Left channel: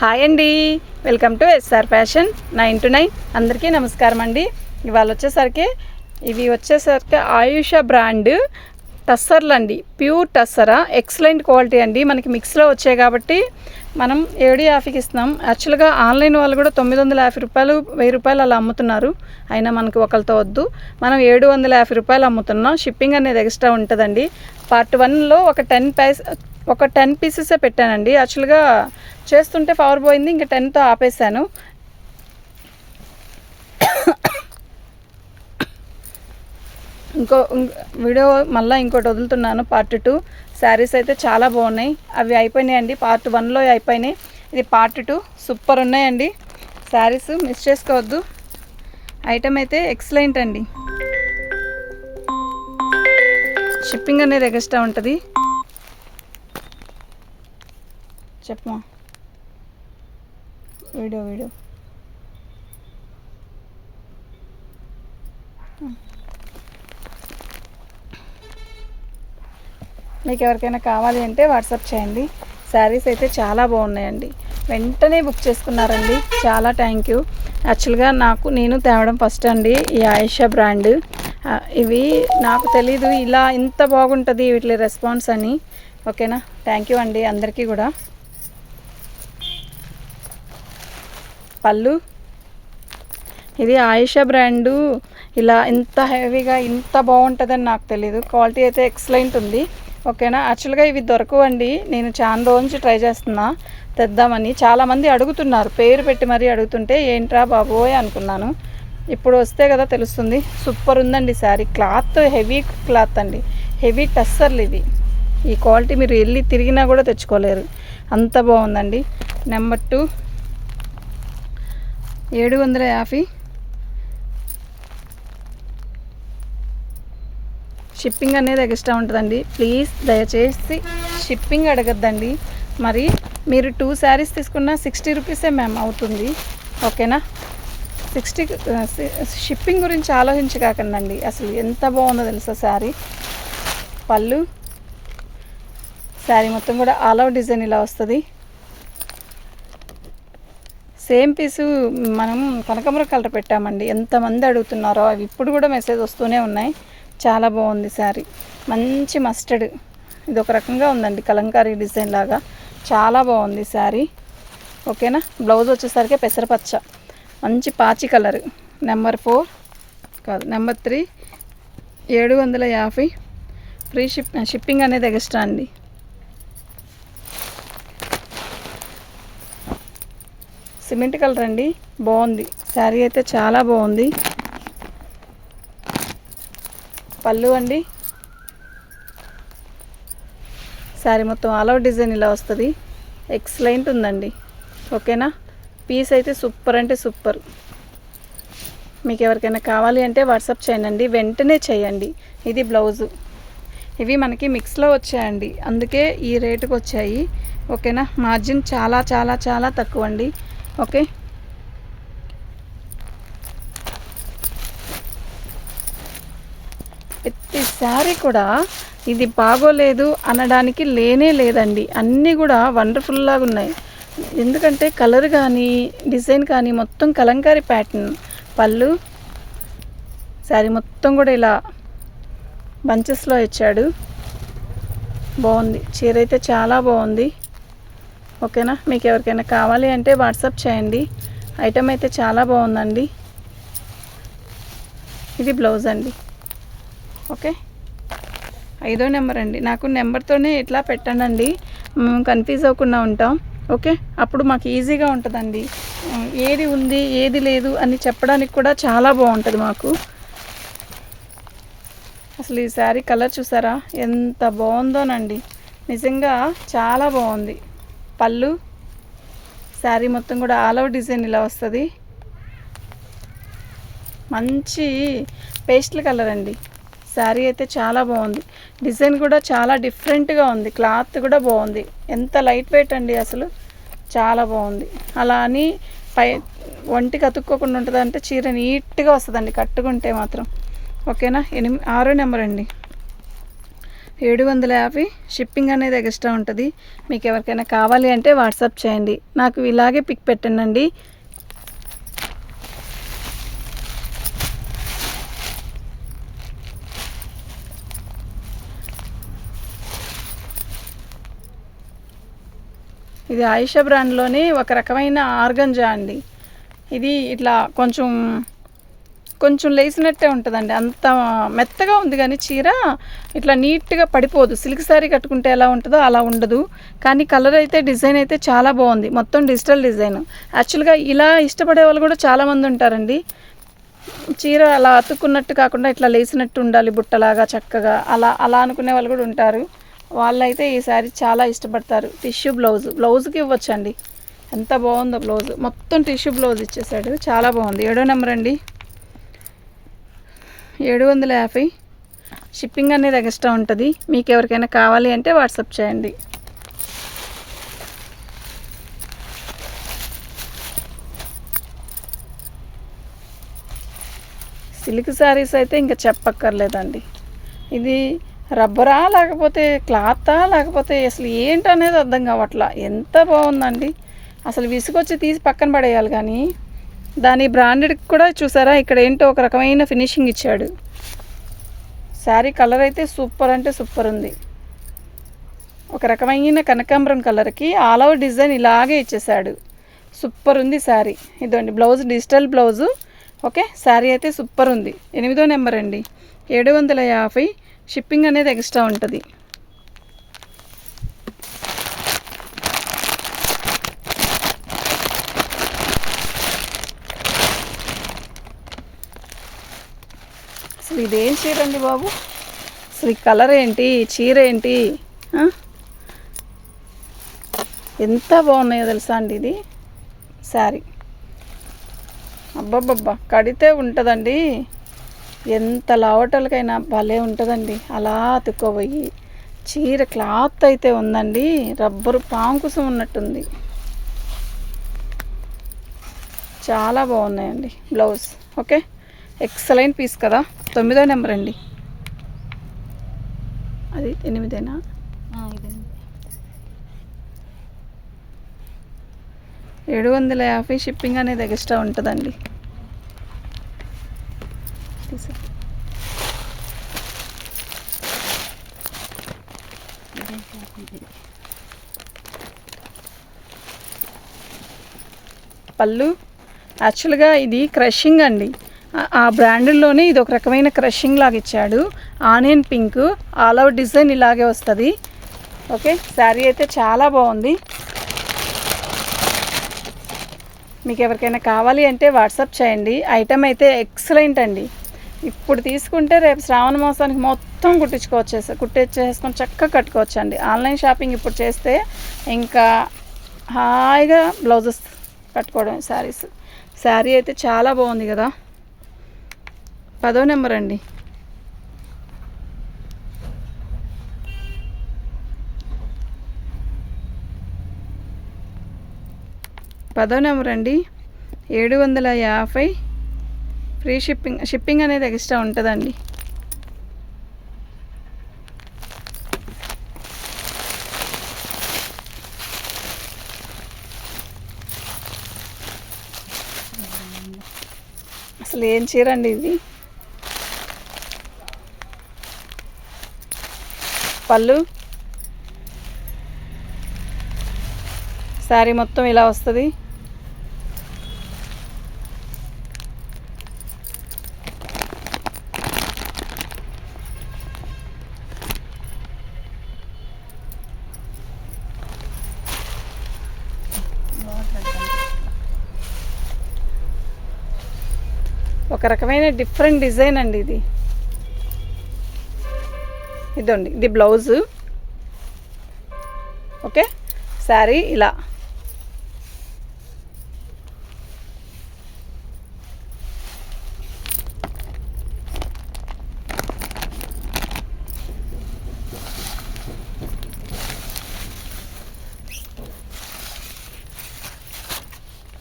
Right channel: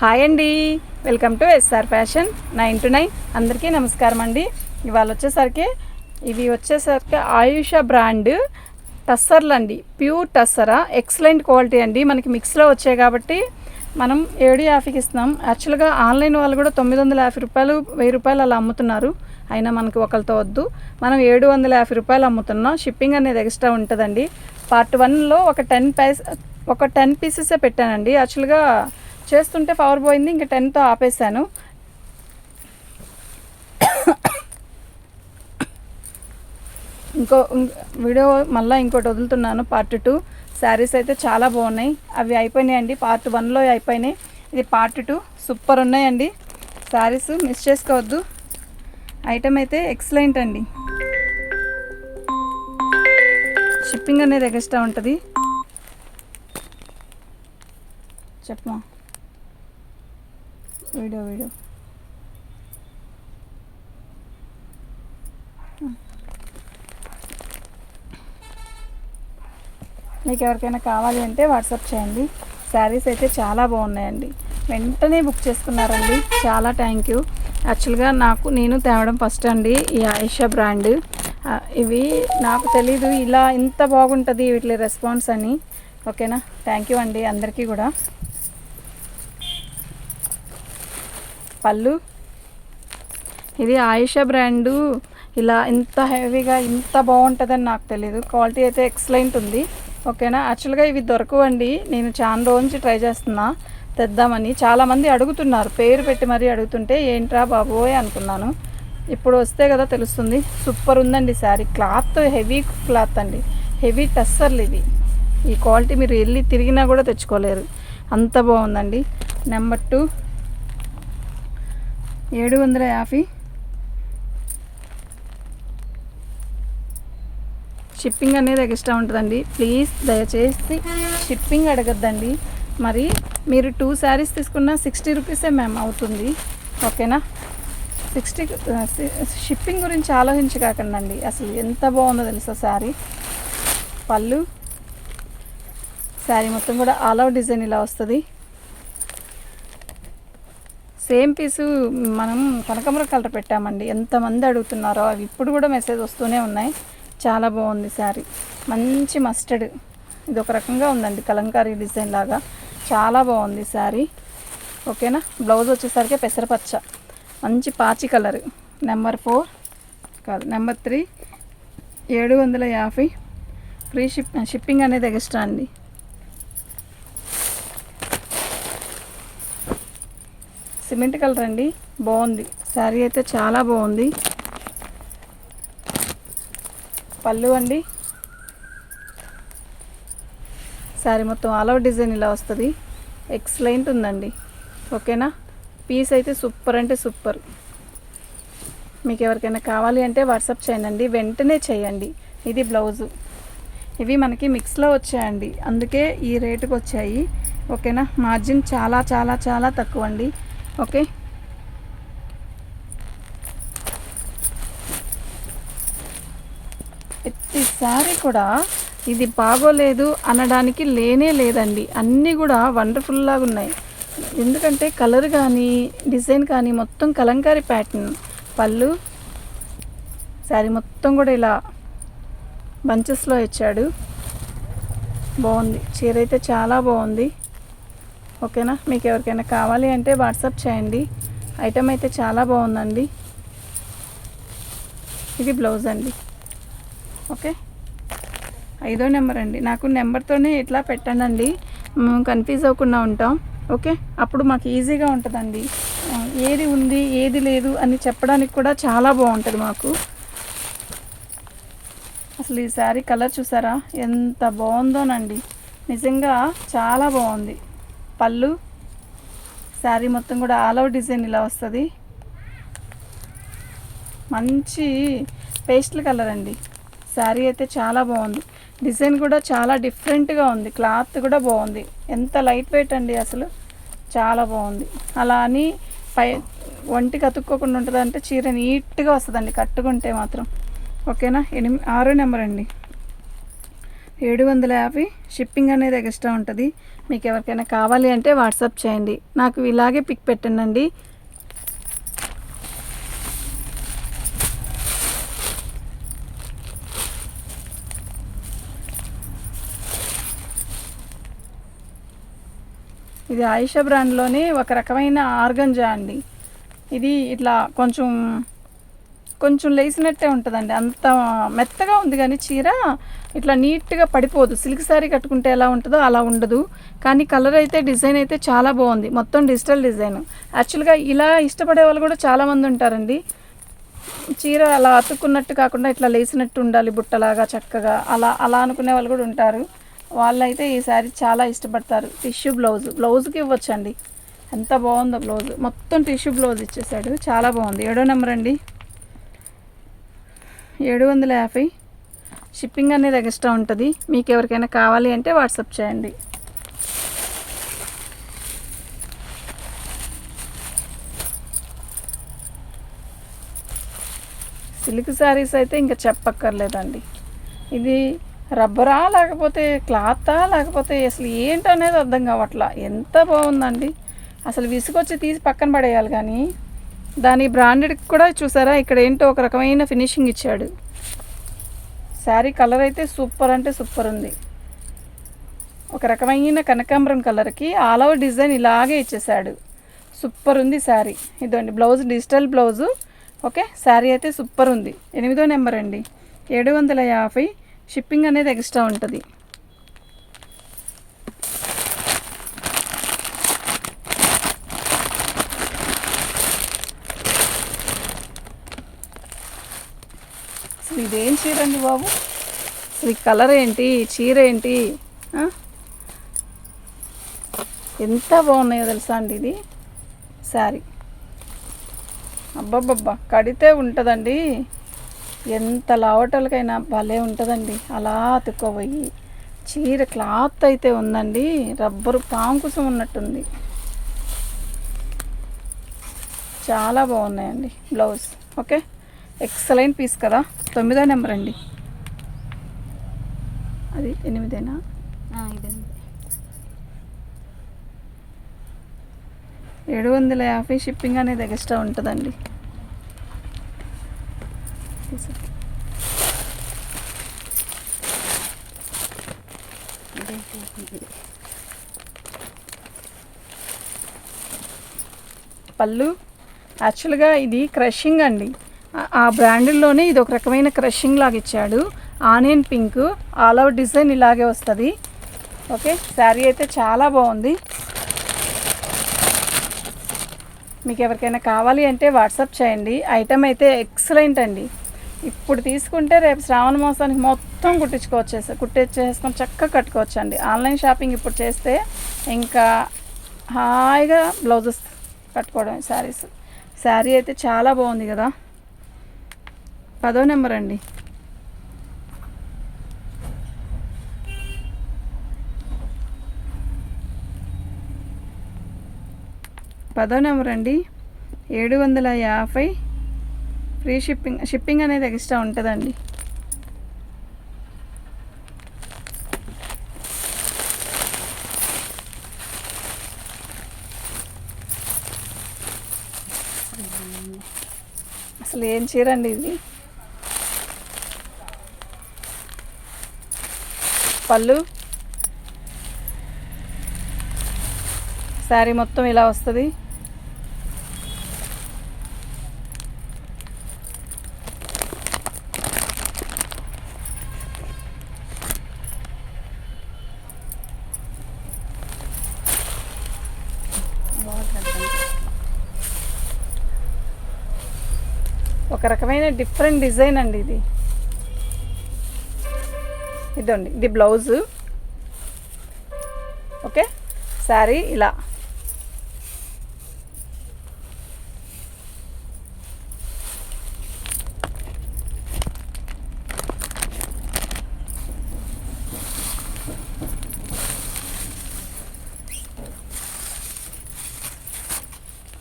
Hi అండి, welcome to SR fashion 9 to 9. అందరికీ నమస్కారం అండి. ఇవాళ వచ్చేసరికి ఆయుష బ్రాండ్ టస్సర్లు అండి. ప్యూర్ టస్సరా, ఎక్సలెంట్ క్వాలిటీ అండి. మనకి మిక్స్లో వచ్చాయి కాబట్టి మనం 750కి ఇస్తున్నాం. యాక్చువల్గా ఆన్లైన్ వాళ్ళు కూడా 950 రూపాయలు 1000 రూపాయలు అలా అమ్ముతున్నారు. అయినా మనకు ఒకరితో వద్దు, మనం 750 రూపాయలు అమ్ముతున్నాం. షిప్పింగ్ అనేది ఎక్స్ట్రా ఉంటుందండి. పార్ట్ 1లో ఒక 10 పీసెసే పెట్టానండి. యాక్చువల్గా చేస్తుంటే పవర్ పోయింది, ఇంకా 10తో ఆపేసాను. వీడియో మళ్ళీ ఇంకోటి వదులుతున్నాను, పార్ట్ 2. శారీస్ అయితే చాలా బాగున్నాయి. అవి అయిపోయినాయండి, పార్ట్ 1లో అయిపోయినాయి. ఇది పార్ట్ 2. సూపర్ ఉన్నాయండి శారీస్, మిస్ చేసుకోవద్దు. ఐటమ్ అయితే ఎక్సలెంట్ అండి. షిప్పింగ్ అనేది ఎక్స్ట్రా ఉంటుంది. చెప్పమా వీడియో మీకు ఎవరికైనా కావాలి అంటే వాట్సాప్ చేయండి. శారీస్ అయితే చాలా బాగున్నాయండి. వెంటనే బుక్ చేసుకున్నారండి, చాలా థ్యాంక్ యూ. యాక్చువల్గా నేను తేవడం ఫస్ట్ అండి ఈ ఆయిషా బ్రాండ్. ఇవి నాకు తెలీదు ఇలా ఇంత బాగుంటుంది వీటి రెస్పాన్స్ అని. ఓకేనా, థ్యాంక్ యూ అండి అందరికీ కూడా. పళ్ళు, ఇది ఆయిషా బ్రాండు. ఇలా ఇంత హెవీగా ఇంత బాగుంటుందని నాకు తెలీదు. క్వాలిటీ అయితే ఎక్సలెంట్ ఉంది. ఓకేనా, యాక్చువల్గా ఇవి దొరకవండి. నేను చాలా రోజు నుంచి ట్రై చేస్తున్నా తెద్దామని. చాలామంది అడుగుతున్నారు, పేరు పెట్టి మరీ అడుగుతుంటే ఏంట్రా బాబోయ్ అనుకున్నాను. ఇప్పుడు వస్తే కదా తెలుస్తుంది. సూపర్ ఉందండి శారీ. క్లాత్ హెవీ క్లాత్ అండి, హెవీ టస్సర్లు ఇవి. ఈ క్వాలిటీ మీరు వెళ్ళి తిరిగినా కూడా తెచ్చుకోలేరు, అంత బాగుందండి. నెంబర్ 2 750. షిప్పింగ్ అనేది ఎక్స్ట్రా ఉంటుందండి. ప్లీజ్ దయచేసి షిప్పింగ్ అడగద్దండి. మరి మీరు 2 శారీస్ తీసుకున్నా 60 రూపీసే మ్యామ్ అవుతుంది. ఓకేనా, 60 షిప్పింగ్ గురించి ఆలోచించకాకండి. అసలు ఎంత బాగుందో తెలుసా శారీ. పళ్ళు, శారీ మొత్తం కూడా ఆల్ అవుట్ డిజైన్ ఇలా వస్తుంది. సేమ్ పీసు మనం కనకాంబర కలర్ పెట్టామండి. ఎంతమంది అడుగుతున్నారో, అవి ఇప్పుడు కూడా మెసేజ్ వస్తూనే ఉన్నాయి. చాలా బాగుంది శారీ. మంచి మస్టర్డ్, ఇది ఒక రకంగా ఉందండి, కలంకారీ డిజైన్ లాగా. చాలా బాగుంది శారీ. ఓకేనా, బ్లౌజ్ వచ్చేసరికి పెసరపచ్చ, మంచి పాచి కలర్. నెంబర్ 3 750. ఫ్రీ షిప్పింగ్ అనేది ఎక్స్ట్రా అండి. సిమెంట్ కలర్ అండి, బాగుంది శారీ అయితే, చాలా బాగుంది. పళ్ళు అండి, శారీ మొత్తం ఆల్ అవుట్ డిజైన్ ఇలా వస్తుంది. ఎక్సలెంట్ ఉందండి. ఓకేనా, పీస్ అయితే సూపర్ అంటే సూపర్. మీకు ఎవరికైనా కావాలి అంటే వాట్సాప్ చేయండి, వెంటనే చేయండి. ఇది బ్లౌజు. ఇవి మనకి మిక్స్లో వచ్చాయండి, అందుకే ఈ రేటుకి వచ్చాయి. ఓకేనా, మార్జిన్ చాలా చాలా చాలా తక్కువ అండి. ఓకే, ప్రతిసారి కూడా ఇది బాగోలేదు అనడానికి లేదండి. అన్నీ కూడా వండర్ఫుల్లాగా ఉన్నాయి. ఎందుకంటే కలర్ కానీ డిజైన్ కానీ మొత్తం కలంకారీ ప్యాటర్న్. పళ్ళు, శారీ మొత్తం కూడా ఇలా బంచెస్లో ఇచ్చాడు. బాగుంది చీర అయితే, చాలా బాగుంది. ఓకేనా, మీకు ఎవరికైనా కావాలి అంటే వాట్సాప్ చేయండి. ఐటమ్ అయితే చాలా బాగుందండి. ఇది బ్లౌజ్ అండి. ఓకే, 5వ నెంబర్ అండి. నాకు నెంబర్తోనే ఇట్లా పెట్టండి, మేము కన్ఫ్యూజ్ అవ్వకుండా ఉంటాం. ఓకే, అప్పుడు మాకు ఈజీగా ఉంటుందండి. ఏది ఉంది ఏది లేదు అని చెప్పడానికి కూడా చాలా బాగుంటుంది మాకు. అసలు ఈ శారీ కలర్ చూసారా ఎంత బాగుందోనండి, నిజంగా చాలా బాగుంది. పళ్ళు, శారీ మొత్తం కూడా ఆల్ అవుట్ డిజైన్ ఇలా వస్తుంది. మంచి పేస్టల్ కలర్ అండి. శారీ అయితే చాలా బాగుంది. డిజైన్ కూడా చాలా డిఫరెంట్గా ఉంది. క్లాత్ కూడా బాగుంది. ఎంత లైట్ వెయిట్ అండి, అసలు చాలా బాగుంది. అలా అని ఒంటికి అతుక్కోకుండా ఉంటుంది అంటే చీర నీట్గా వస్తుందండి కట్టుకుంటే మాత్రం. ఓకేనా, 6వ నెంబర్ అండి. 750 షిప్పింగ్ అనేది ఎక్స్ట్రా ఉంటుంది. మీకు ఎవరికైనా కావాలి అంటే వాట్సాప్ చేయండి, నాకు ఇలాగే పిక్ పెట్టండి. ఇది ఆయిషా బ్రాండ్లోనే ఒక రకమైన ఆర్గంజా అండి. ఇది ఇట్లా కొంచెం కొంచెం లేసినట్టే ఉంటుందండి, అంత మెత్తగా ఉంది. కానీ చీర ఇట్లా నీట్గా పడిపోదు. సిల్క్ శారీ కట్టుకుంటే ఎలా ఉంటుందో అలా ఉండదు. కానీ కలర్ అయితే డిజైన్ అయితే చాలా బాగుంది, మొత్తం డిజిటల్ డిజైన్. యాక్చువల్గా ఇలా ఇష్టపడే వాళ్ళు కూడా చాలామంది ఉంటారండి. చీర అలా అతుక్కున్నట్టు కాకుండా ఇట్లా లేసినట్టు ఉండాలి, బుట్టలాగా చక్కగా అలా అలా అనుకునే వాళ్ళు కూడా ఉంటారు. వాళ్ళైతే ఈ శారీ చాలా ఇష్టపడతారు. టిష్యూ బ్లౌజ్కి ఇవ్వచ్చండి. ఎంత బాగుందో బ్లౌజ్, మొత్తం టిష్యూ బ్లౌజ్ ఇచ్చేసాడు, చాలా బాగుంది. 7వ నెంబర్ అండి, 750 షిప్పింగ్ అనేది ఎక్స్ట్రా ఉంటుంది. మీకు ఎవరికైనా కావాలి అంటే వాట్సాప్ చేయండి. సిల్క్ శారీస్ అయితే ఇంకా చెప్పక్కర్లేదండి. ఇది రబ్బరా లేకపోతే క్లాతా లేకపోతే అసలు ఏంటనేది అర్థం కావట్లా. ఎంత బాగుందండి, అసలు విసుగొచ్చి తీసి పక్కన పడేయాలి. కానీ దాని బ్రాండెడ్కి కూడా చూసారా, ఇక్కడ ఏంటో ఒక రకమైన ఫినిషింగ్ ఇచ్చాడు. శారీ కలర్ అయితే సూపర్ అంటే సూపర్ ఉంది. ఒక రకమైన కనకాంబరం కలర్కి ఆల్ ఓవర్ డిజైన్ ఇలాగే ఇచ్చేసాడు. సూపర్ ఉంది శారీ. ఇదండి blouse, digital blouse. Okay, sari అయితే సూపర్ ఉంది. 8వ నెంబర్ అండి, 750 షిప్పింగ్ అనేది ఎక్స్ట్రా ఉంటుంది. అసలు ఇదేం చీర అండి బాబు, అసలు ఈ కలర్ ఏంటి, చీర ఏంటి, ఎంత బాగున్నాయో తెలుసా అండి. ఇది శారీ అబ్బబ్బబ్బా, కడితే ఉంటుందండి, ఎంత లావటలకైనా భలే ఉంటుందండి. అలా అతుక్కోబోయి చీర క్లాత్ అయితే ఉందండి, రబ్బరు పాంకుసం ఉన్నట్టుంది. చాలా బాగున్నాయండి బ్లౌజ్. ఓకే, ఎక్సలెంట్ పీస్ కదా. 9వ నెంబర్ అండి, అది 8ఏనా, 750 షిప్పింగ్ అనేది ఎక్స్ట్రా ఉంటుందండి. పళ్ళు యాక్చువల్గా ఇది క్రషింగ్ అండి. ఆ బ్రాండ్లోనే ఇది ఒక రకమైన క్రషింగ్ లాగా ఇచ్చాడు. Onion pink all over design ఇలాగే వస్తుంది. ఓకే, శారీ అయితే చాలా బాగుంది. మీకు ఎవరికైనా కావాలి అంటే వాట్సాప్ చేయండి. ఐటమ్ అయితే ఎక్సలెంట్ అండి. ఇప్పుడు తీసుకుంటే రేపు శ్రావణ మాసానికి మొత్తం కుట్టించేసుకొని చక్కగా కట్టుకోవచ్చు అండి. ఆన్లైన్ షాపింగ్ ఇప్పుడు చేస్తే ఇంకా హాయిగా బ్లౌజెస్ కట్టుకోవడం. శారీ అయితే చాలా బాగుంది కదా. 10వ నెంబర్ అండి, 750 ఫ్రీ షిప్పింగ్ అనేది ఎక్స్ట్రా ఉంటుందండి. అసలు ఏం చీర అండి ఇది. పళ్ళు శారీ మొత్తం ఇలా వస్తుంది. ఒక రకమైన డిఫరెంట్ డిజైన్ అండి ఇది. ఇదండి, ఇది బ్లౌజు. ఓకే, శారీ ఇలా.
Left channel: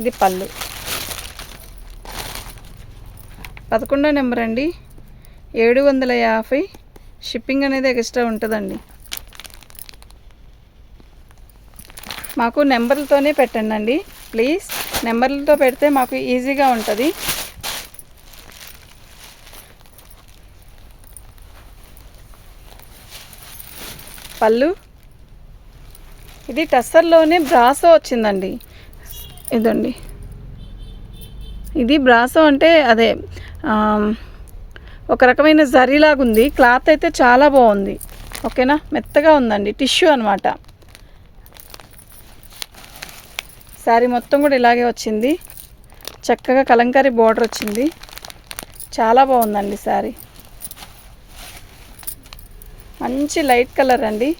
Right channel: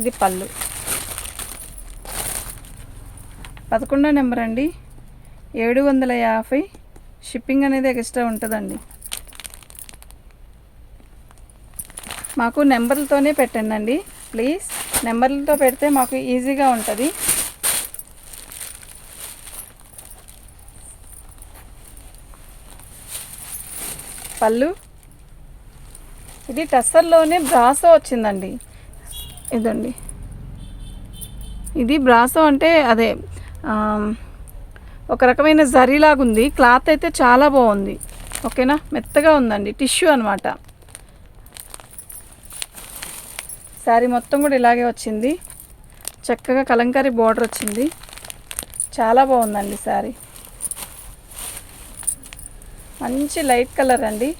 ఇది పళ్ళు. 11వ నెంబర్ అండి, 750 షిప్పింగ్ అనేది ఎక్స్ట్రా ఉంటుందండి. మాకు నెంబర్లతోనే పెట్టండి ప్లీజ్. నెంబర్లతో పెడితే మాకు ఈజీగా ఉంటుంది. పళ్ళు ఇది టస్సర్లోనే బ్రాసో వచ్చిందండి. ఇదండి, ఇది బ్రాసో అంటే అదే ఒక రకమైన జరీలాగుంది. క్లాత్ అయితే చాలా బాగుంది. ఓకేనా, మెత్తగా ఉందండి, టిష్యూ అనమాట. శారీ మొత్తం కూడా ఇలాగే వచ్చింది. చక్కగా కలంకారీ బోర్డర్ వచ్చింది. చాలా బాగుందండి శారీ. మంచి లైట్ కలర్ అండి.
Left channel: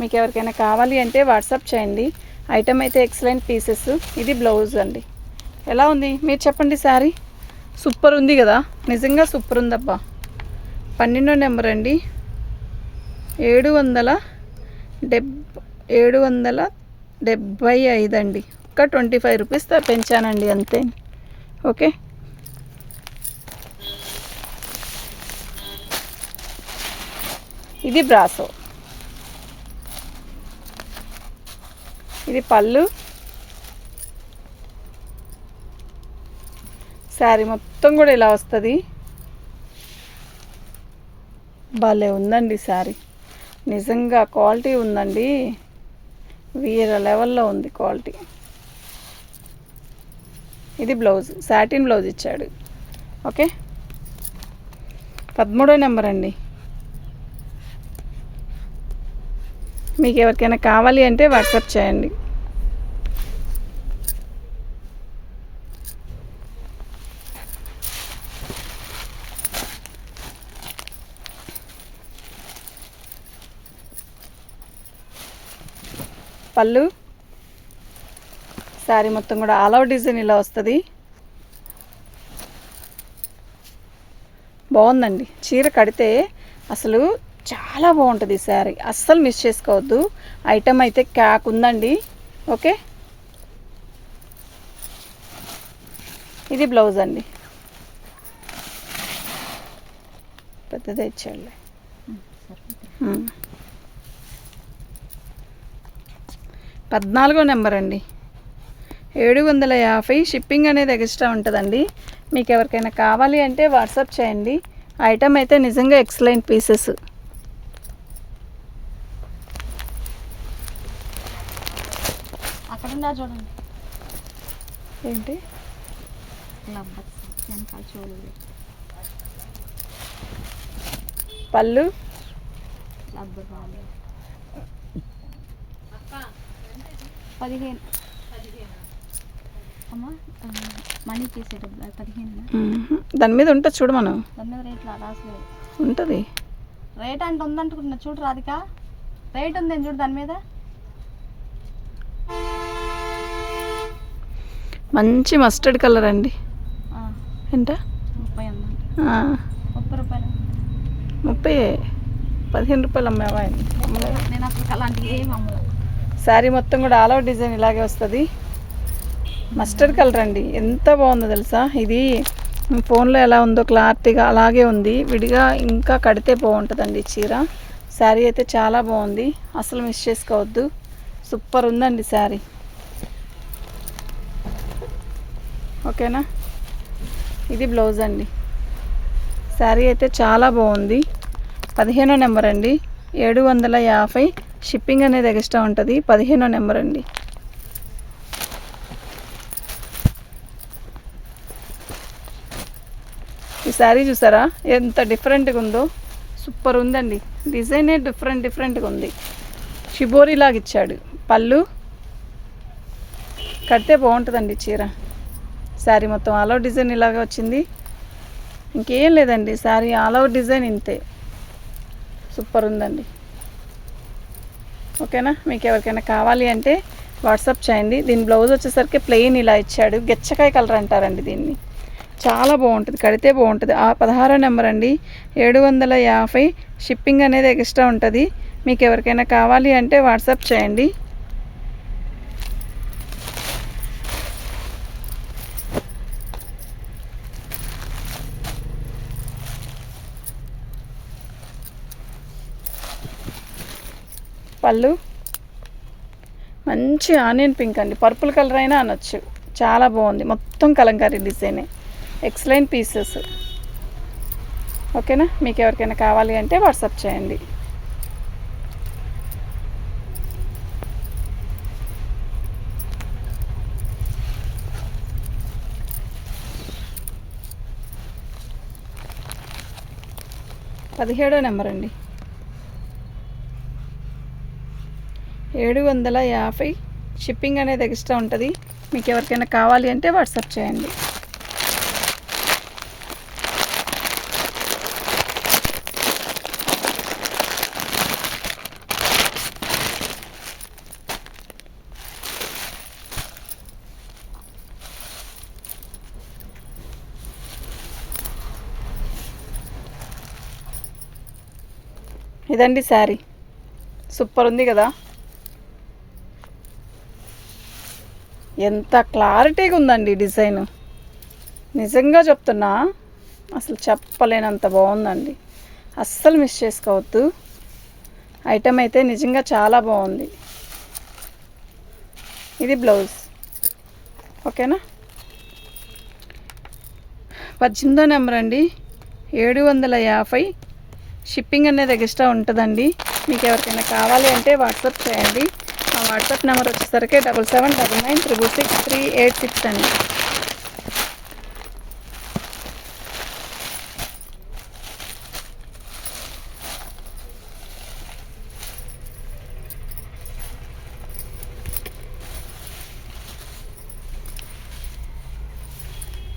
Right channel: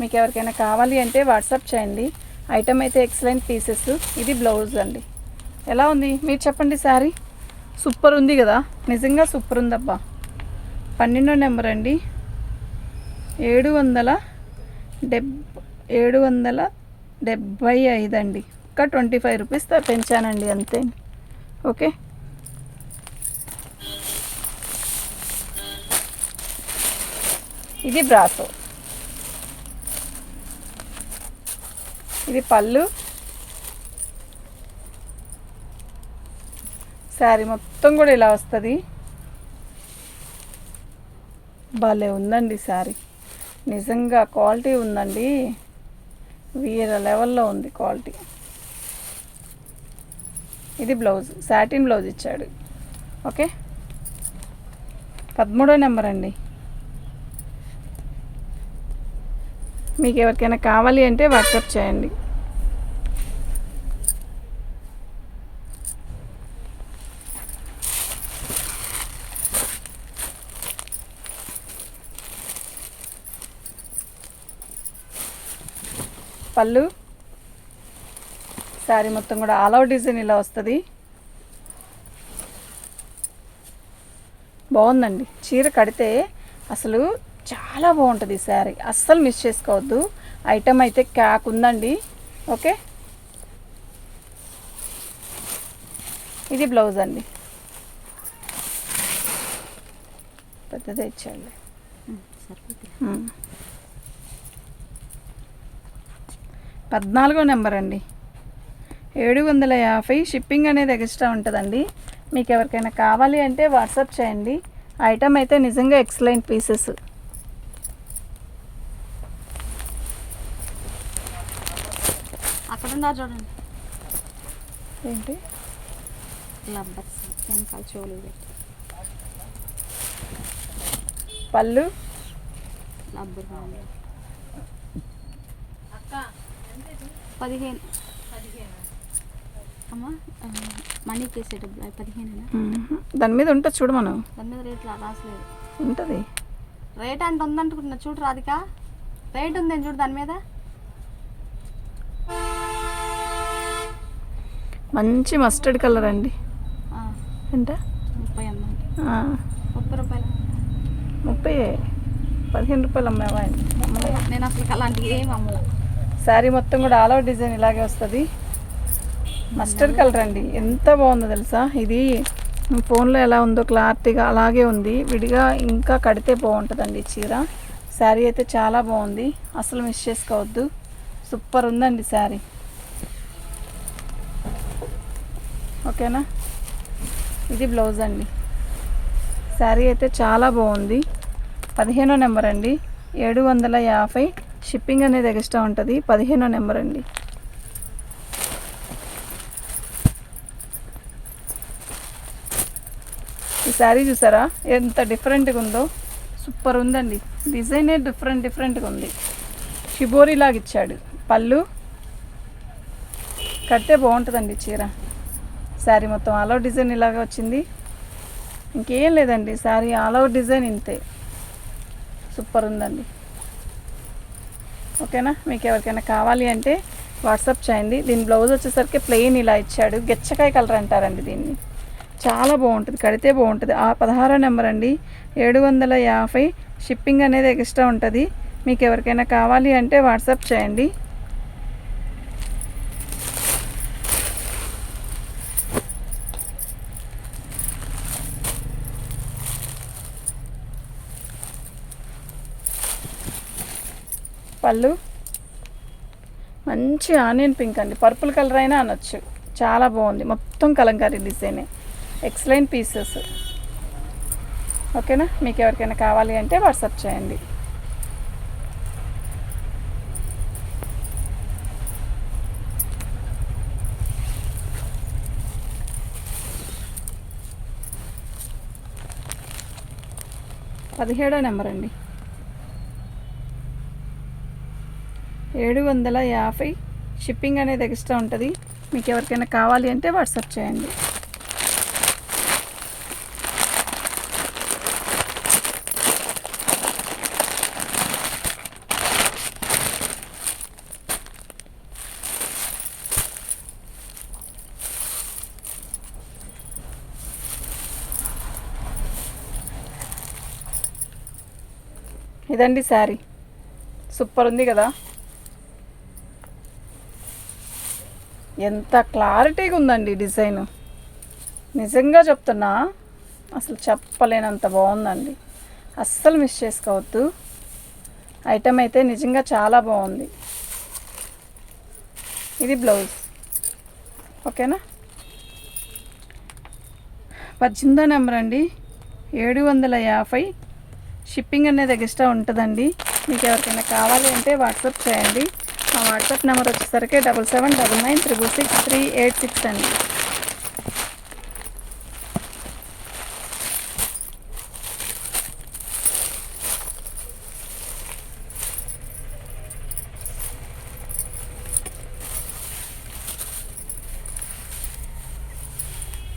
మీకు ఎవరికైనా కావాలి అంటే వాట్సాప్ చేయండి. ఐటమ్ అయితే ఎక్సలెంట్ పీసెస్. ఇది బ్లౌజ్ అండి. ఎలా ఉంది మీరు చెప్పండి. శారీ సూపర్ ఉంది కదా, నిజంగా సూపర్ ఉందబ్బా. 12వ నెంబర్ అండి. 775 అండి. ఇంకా 25 రూపీస్ పెంచానండి అంతే. ఓకే, ఇది బ్రాసో. ఇది పళ్ళు. శారీ మొత్తం కూడా ఇలా వస్తుంది. భలే ఉందండి శారీ, నిజంగా క్వాలిటీ ఉందండి, వేరే లెవెల్లో ఉంది క్వాలిటీ. ఇది బ్లౌజ్, సాటిన్ బ్లౌజ్ ఇచ్చాడు. ఓకే, 13వ నెంబర్ అండి. మీకు ఎవరికైనా కావాలి అంటే వాట్సాప్ చేయండి. పళ్ళు, శారీ మొత్తం కూడా ఆల్ ఓవర్ డిజైన్ ఇలా వస్తుంది. బాగుందండి, చీర కడితే అసలు చాలా బాగుంటుంది ఈ శారీ, అస్సలు మిస్ చేసుకోవద్దు. ఐటమ్ అయితే క్యాక్ ఉందండి. ఓకే, ఇది బ్లౌజ్ అండి, పెద్దదే ఇచ్చాడు. 14వ నెంబర్ అండి. 750. షిప్పింగ్ అనేది ఎక్స్ట్రా ఉంటుందండి. మీకు ఎవరికైనా కావాలి అంటే వాట్సాప్ చేయండి. ఐటమ్ అయితే నిజంగా ఎక్సలెంట్ పీసెస్. అక్కడ చూడండి ఏంటి, పళ్ళు, అక్క 15 అమ్మా, మనీ చేసేటప్పుడు 15. దాని మీద ఉంటుంది చూడు, మనం దాని మీద రేట్ రాసలేదు. ఉంటుంది రేట్ అంటే ఉందనుకుంటున్నా, చూడు రాధిక, రేట్ ఉందేం చూడు దాని మీద. మంచి మస్టర్డ్ కలర్ అండి. ఎంత? 30 అమ్మండి. 30 రూపాయలు. 30, 15 రూపాయలు అమ్మావా? నేను అసలు అలాంటివి ఏమి అమ్మలా. శారీ మొత్తం కూడా ఆల్ ఓవర్ డిజైన్ ఇలాగే వస్తుంది. మస్టర్డ్ కలర్ అండి, ఎంత బాగుందో తెలుసా. ఇది ఫోన్లో ఎలా ఉందో క్లారిటీగా అలాగే ఉంది. విడిగా ఇంకా కడితే బాగుంటుందండి చీర. శారీ అయితే చాలా బాగుంది, అసలు మిస్ చేసుకోవద్దు. సూపర్ ఉందండి శారీ. ఓకేనా, ఇది బ్లౌజ్ అండి. శారీ అయితే చాలా బాగుంది. 15వ నెంబర్ అండి. 750. షిప్పింగ్ అనేది ఎక్స్ట్రా ఉంటుంది. 15వ నెంబర్ అండి. ఈ శారీ చూసారా ఎంత డిఫరెంట్గా ఉందో, సూపర్ ఉందండి. డిజైనే డిఫరెంట్గా ఉంది. షిబోరి లాగా ఇచ్చాడు. పళ్ళు, కడితే బాగుంటుందండి చీర. శారీ మొత్తం ఆల్ ఓవర్ డిజైన్ ఇలాగే వచ్చింది. ఇంకేం లేదండి, శారీ ఆల్ ఓవర్ డిజైన్ ఇంతే. సూపర్ ఉందండి. ఓకేనా, మీకు ఎవరికైనా కావాలి అంటే వాట్సాప్ చేయండి. దీని బ్లౌజ్ వచ్చేసరికి ప్లెయిన్ ఇలా ఇచ్చాడు. గెచ్చకాయ కలర్ అంటారండి దీన్ని. చాలా బాగుంటుంది, కడితే బాగుంటుంది. 16వ నెంబర్ అండి. 750. షిప్పింగ్ అనేది ఎక్స్ట్రా ఉంటుంది. మీకు ఎవరికైనా కావాలి అంటే వాట్సాప్ చేయండి. పళ్ళు మంచి ఆనియన్ పింక్ అండి, పర్పుల్ కలర్ అయినా అనొచ్చు. చాలా బాగుంది, మొత్తం కలంకారీ డిజైనే, ఎక్సలెంట్ పీసెస్. ఓకేనా, మీకు ఎవరికైనా కావాలి అంటే వాట్సాప్ చేయండి. పదిహేడో నెంబర్ అండి, 750. షిప్పింగ్ అనేది ఎక్స్ట్రా ఉంటుంది. మీకు ఎవరికైనా కావాలి అంటే వాట్సాప్ చేయండి. ఇదండి శారీ, సూపర్ ఉంది కదా, ఎంత క్లారిటీగా ఉందండి డిజైన్. నిజంగా చెప్తున్నా, అసలు చెప్పలేనంత బాగుందండి. అస్సలు మిస్ చేసుకోవద్దు. ఐటమ్ అయితే నిజంగా చాలా బాగుంది. ఇది బ్లౌజ్. ఓకేనా, 18వ నెంబర్ అండి, 750. షిప్పింగ్ అనేది ఎక్స్ట్రా ఉంటుందండి. మీకు ఎవరికైనా కావాలి అంటే వాట్సాప్ చేయండి. మా వాట్సాప్ నెంబర్ వచ్చేసరికి 7799666386 అండి.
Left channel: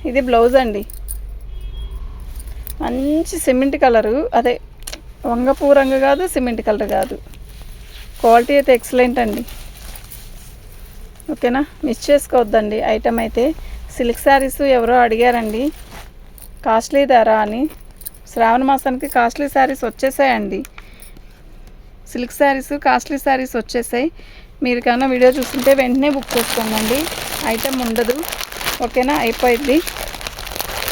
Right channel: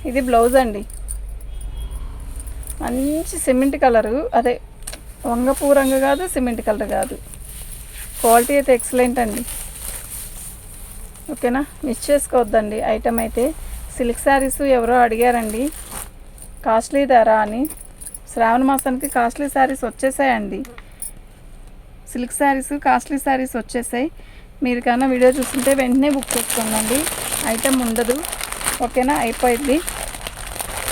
ఇది బ్లౌజ్ అండి, మంచి సిమెంట్ కలరు, అదే వంగపూ రంగు కాదు, సిమెంట్ కలర్ కాదు. క్వాలిటీ అయితే ఎక్సలెంట్ అండి. ఓకేనా, మిస్ చేసుకోవద్దండి. ఐటమ్ అయితే సిల్క్ శారీస్ ఎవరో అడిగారండి కాస్ట్లీ ధర అని. శ్రావణ మాసానికి కాస్ట్లీ శారీస్ వచ్చేసాయండి. సిల్క్ శారీస్, కాస్ట్లీ శారీస్ వచ్చేసాయి. మీరు కన్నా వీడియో చూస్తుంటే వెంటనే బుక్ చేసుకోండి, ఐటమ్ ఉండదు. ఓకేనా, అయిపోయింది.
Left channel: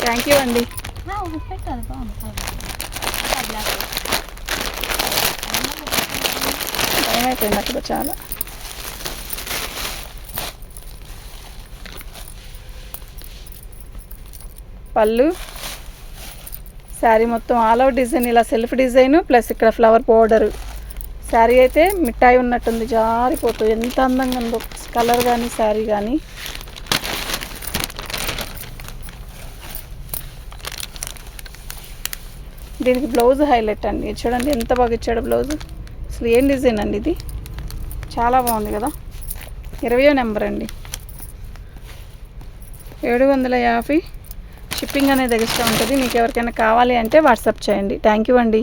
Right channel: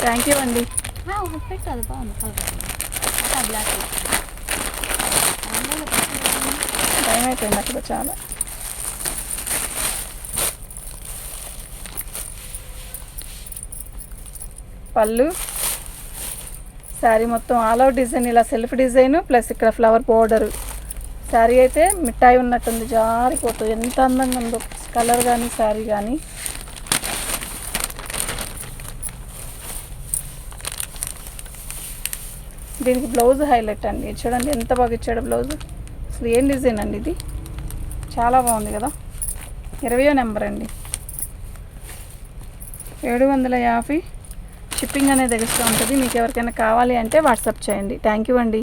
థ్యాంక్ యూ అండి. టైం అయిపోయింది అక్కడ చాలా. పళ్ళు, శారీ మొత్తం ఆల్ అవుట్ డిజైన్, ఇలా సెల్ఫ్ డిజైన్ ప్లస్ ఇక్కడ ఫ్లవర్ పౌడరు. శారీ అయితే మిఠాయి ఉన్నట్టుంది, జారిపోతుంది. ఎంత అందంగా ఉందో కలర్ కానీ శారీ కానీ. దీనికి బ్లౌజ్ హైలైట్ అండి, చూడండి ఎంత బాగా ఇచ్చాడు బ్లౌజ్. అసలు ఏం డిజైన్ అండి ఇది, చాలా బాగుంది కదా. 20వ నెంబర్ అండి, 750. షిప్పింగ్ అనేది ఎక్స్ట్రా ఉంటుంది. మీకు ఎవరికైనా కావాలి అంటే వాట్సాప్ చేయండి. థ్యాంక్ యూ అండి.